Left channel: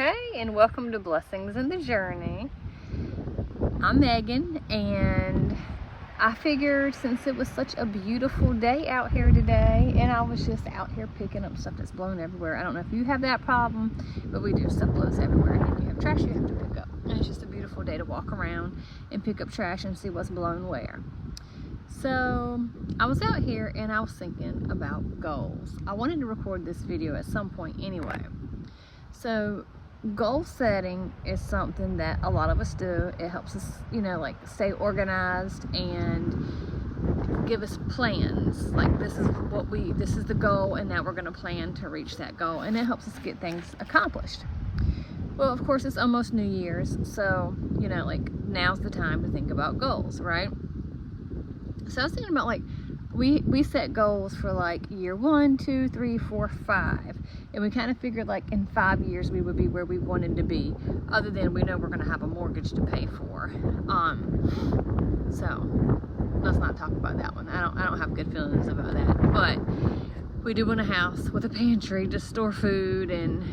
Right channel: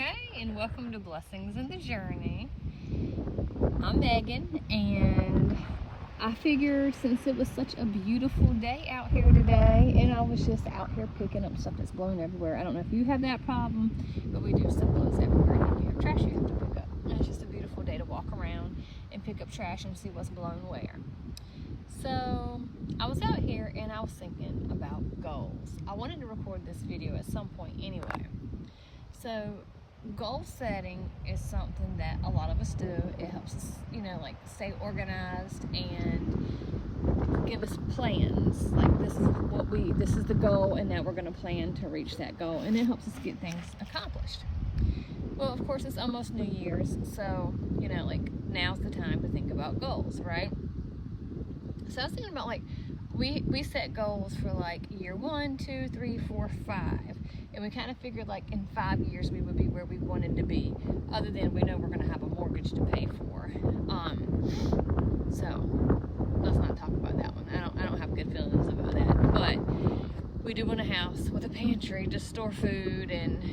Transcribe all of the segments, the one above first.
Hey, and welcome to Blessings in the Journey. I'm Megan, and I figured since it was such a beautiful day out here today, and I was just out here picking up stuff that's blown everywhere. I don't know if you have that problem, but we do. Stuff blows everywhere, and if you have trash you have to pick up. And it's just a beautiful day to walk around and pick up trash and see what's blown where. So I was out here and I was thinking about goals. I wanted to record this video at some point anyway. So goal setting is something that a lot of us do. It helps us, like stay organized and give us plans. Like this is the goal, and now we're going to plan to reach that goal, and it helps us get things accomplished. Well, of course, it's almost New Year's, so now's the time to think about goals, right? So I was thinking about we set goals for year 1, 2, 3, 4, 5, and we kind of figured in 5 years we would be where we wanted to be, other than we know we're going to have a mortgage to pay for. So let's not talk about that one. I don't have good feelings about that, but we do want a house with a pantry to store food and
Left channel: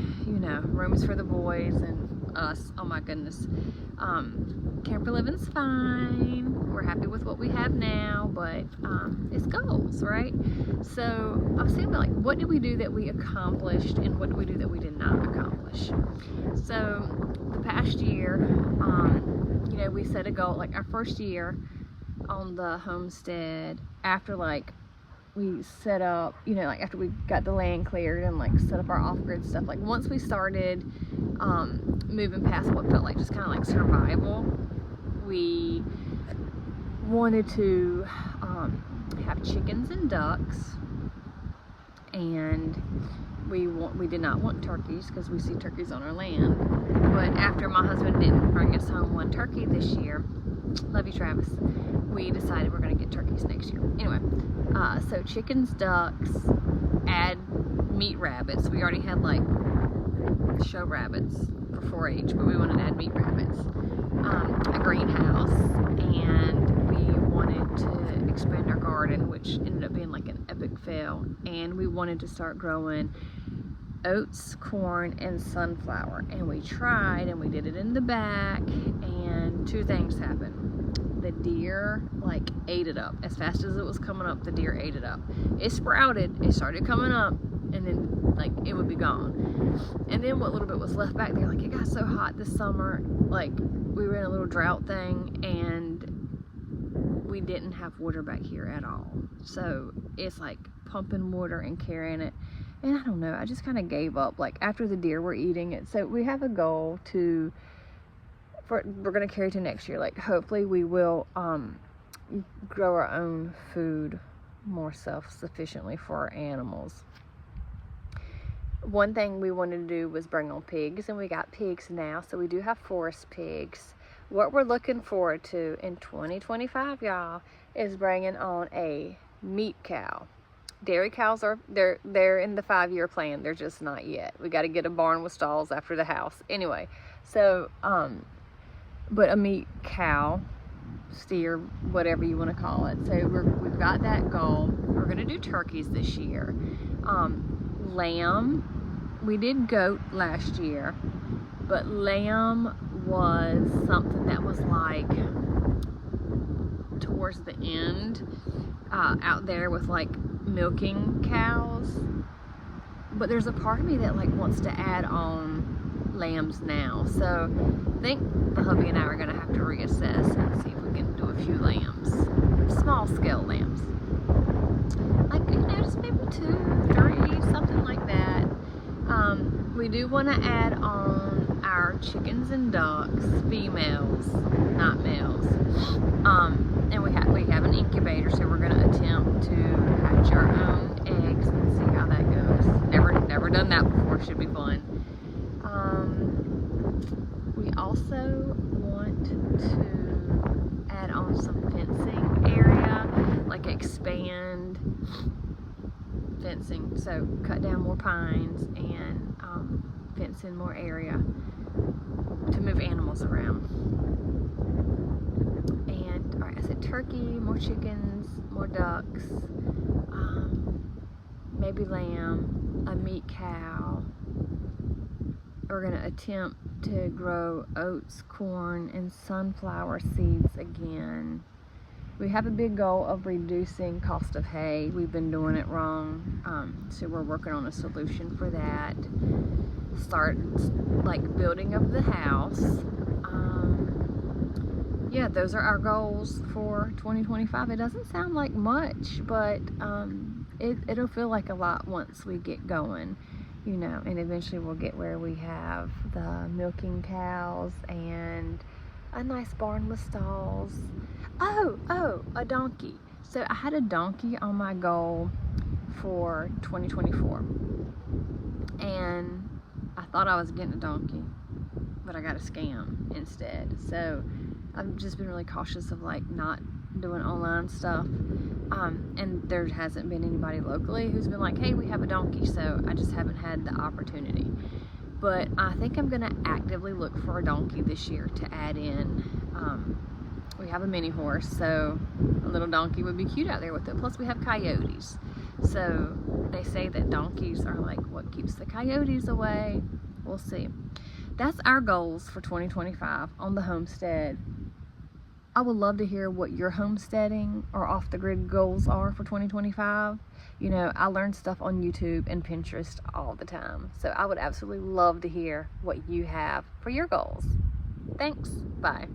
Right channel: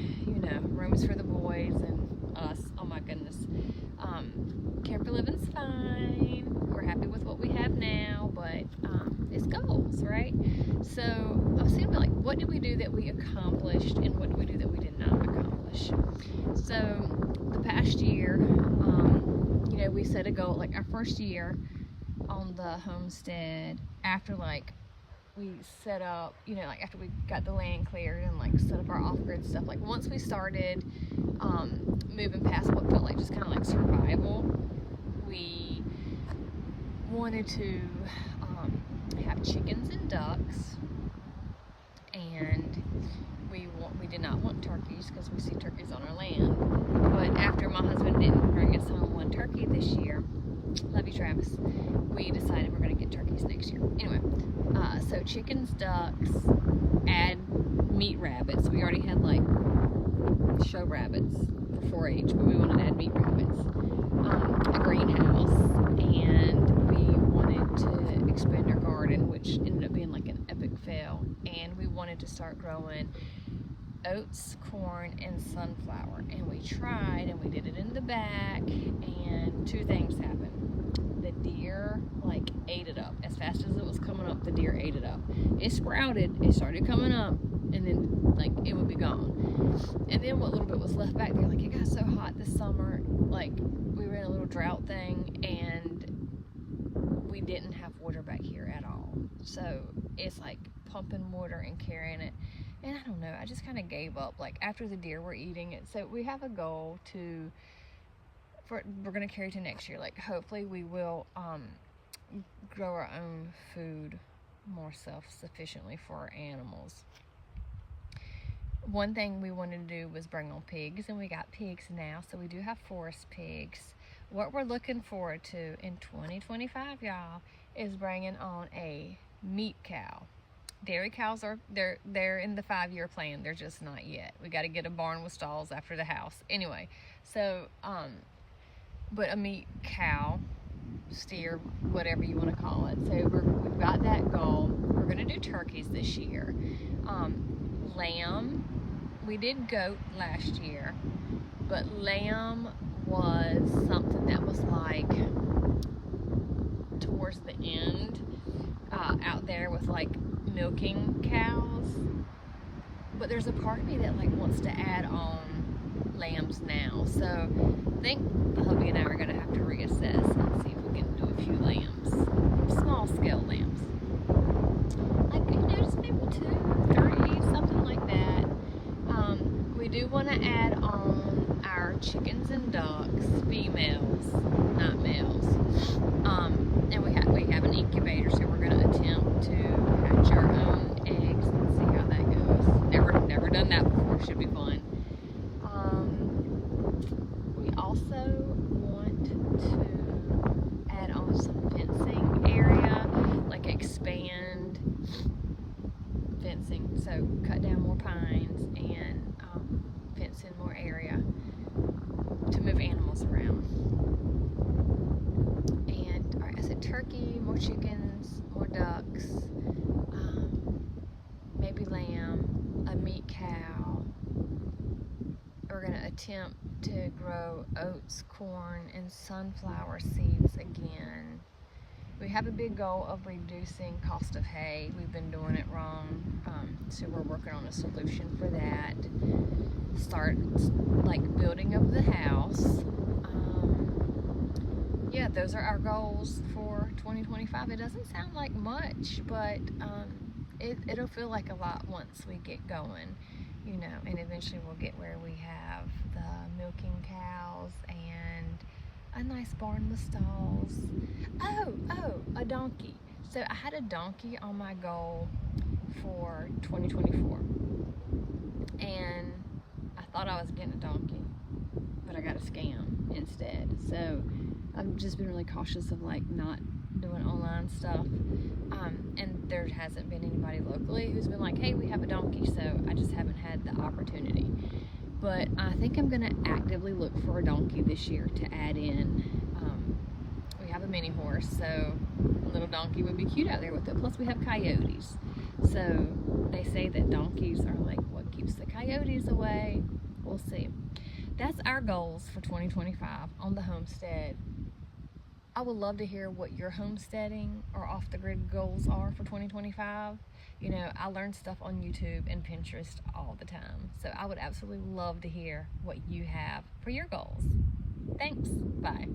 rooms for the boys and us. Oh my goodness. Camper living's fine. We're happy with what we have now, but it's goals, right? So I was thinking about what did we do that we accomplished and what did we do that we did not accomplish. So the past year, we set a goal, our first year on the homestead, after we set up, after we got the land cleared and set up our off-grid stuff, once we started moving past what felt just kind of survival, we wanted to have chickens and ducks, and we did not want turkeys because we see turkeys on our land. But after my husband didn't bring us home one turkey this year, love you Travis, we decided we're going to get turkeys next year. Anyway, so chickens, ducks, add meat rabbits. We already had show rabbits for 4-H, but we wanted to add meat rabbits, a greenhouse, and we wanted to expand our garden, which ended up being an epic fail. And we wanted to start growing oats, corn, and sunflower, and we tried, and we did it in the back, and 2 things happened. The deer ate it up. As fast as it was coming up, the deer ate it up. It sprouted, it started coming up, and then it would be gone. And then what little bit was left back there, it got so hot this summer, we were in a little drought thing, and we didn't have water back here at all. So it's pumping water and carrying it. And I don't know, I just kind of gave up. After the deer were eating it. So we have a goal we're going to carry to next year. Hopefully we will grow our own food more self-sufficiently for our animals. One thing we wanted to do was bring on pigs, and we got pigs now. So we do have forest pigs. What we're looking forward to in 2025, y'all, is bringing on a meat cow. Dairy cows they're in the 5-year plan. They're just not yet. We got to get a barn with stalls after the house. Anyway, so but a meat cow, steer, whatever you want to call it. So we've got that goal. We're gonna do turkeys this year. Lamb, we did goat last year, but lamb was something that was towards the end, out there with milking cows. But there's a part of me that wants to add on lambs now. So I think my hubby and I are gonna have to reassess and see if we can do a few lambs, small scale lambs, just maybe 2, 3, something like that. We do want to add on our chickens and ducks, females, not males. And we have an incubator, so we're going to attempt to hatch our own eggs and see how that goes. Never done that before. Should be fun. We also want to add on some fencing area, expand fencing, so cut down more pines and fence in more area to move animals around. And all right, I said turkey, more chickens, more ducks, maybe lamb, a meat cow, we're gonna attempt to grow oats, corn, and sunflower seeds again. We have a big goal of reducing cost of hay. We've been doing it wrong, so we're working on a solution for that. Start like building up the house. Yeah, those are our goals for 2025. It doesn't sound like much, but it'll feel like a lot once we get going, you know, and eventually we'll get where we have the milking cows and a nice barn with stalls. Oh, a donkey. So I had a donkey on my goal for 2024, and I thought I was getting a donkey, but I got a scam instead. So I've just been really cautious of like not doing online stuff. And there hasn't been anybody locally who's been like, hey, we have a donkey, so I just haven't had the opportunity. But I think I'm gonna actively look for a donkey this year to add in. We have a mini horse, so a little donkey would be cute out there with it. Plus we have coyotes. So they say that donkeys are like what keeps the coyotes away. We'll see. That's our goals for 2025 on the homestead. I would love to hear what your homesteading or off the grid goals are for 2025. You know, I learn stuff on YouTube and Pinterest all the time. So I would absolutely love to hear what you have for your goals. Thanks. Bye.